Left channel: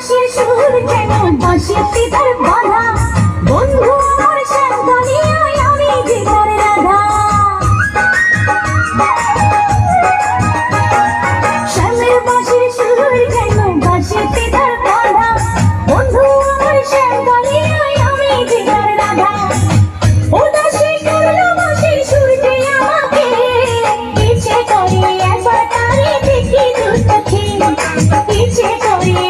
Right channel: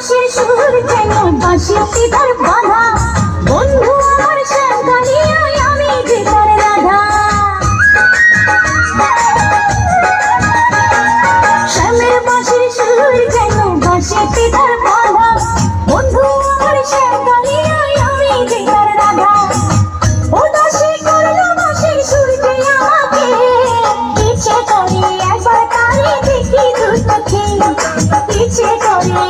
বাঁশির সুর যেন বাঁশিতে তার বাঁধা, বন্ধু আমার শ্যামকালিয়ায় আমি যে তার রাধা। শ্যামের বাঁশির সুর যেন বাঁশিতে তার বাঁধা, বন্ধু আমার শ্যামকালিয়ায় আমি যে তার রাধা। উদাসী করলো বাঁশির সুর যে আমাকে, ইচ্ছে করে একবার তারে দেখি দূর থেকে, ইচ্ছে করে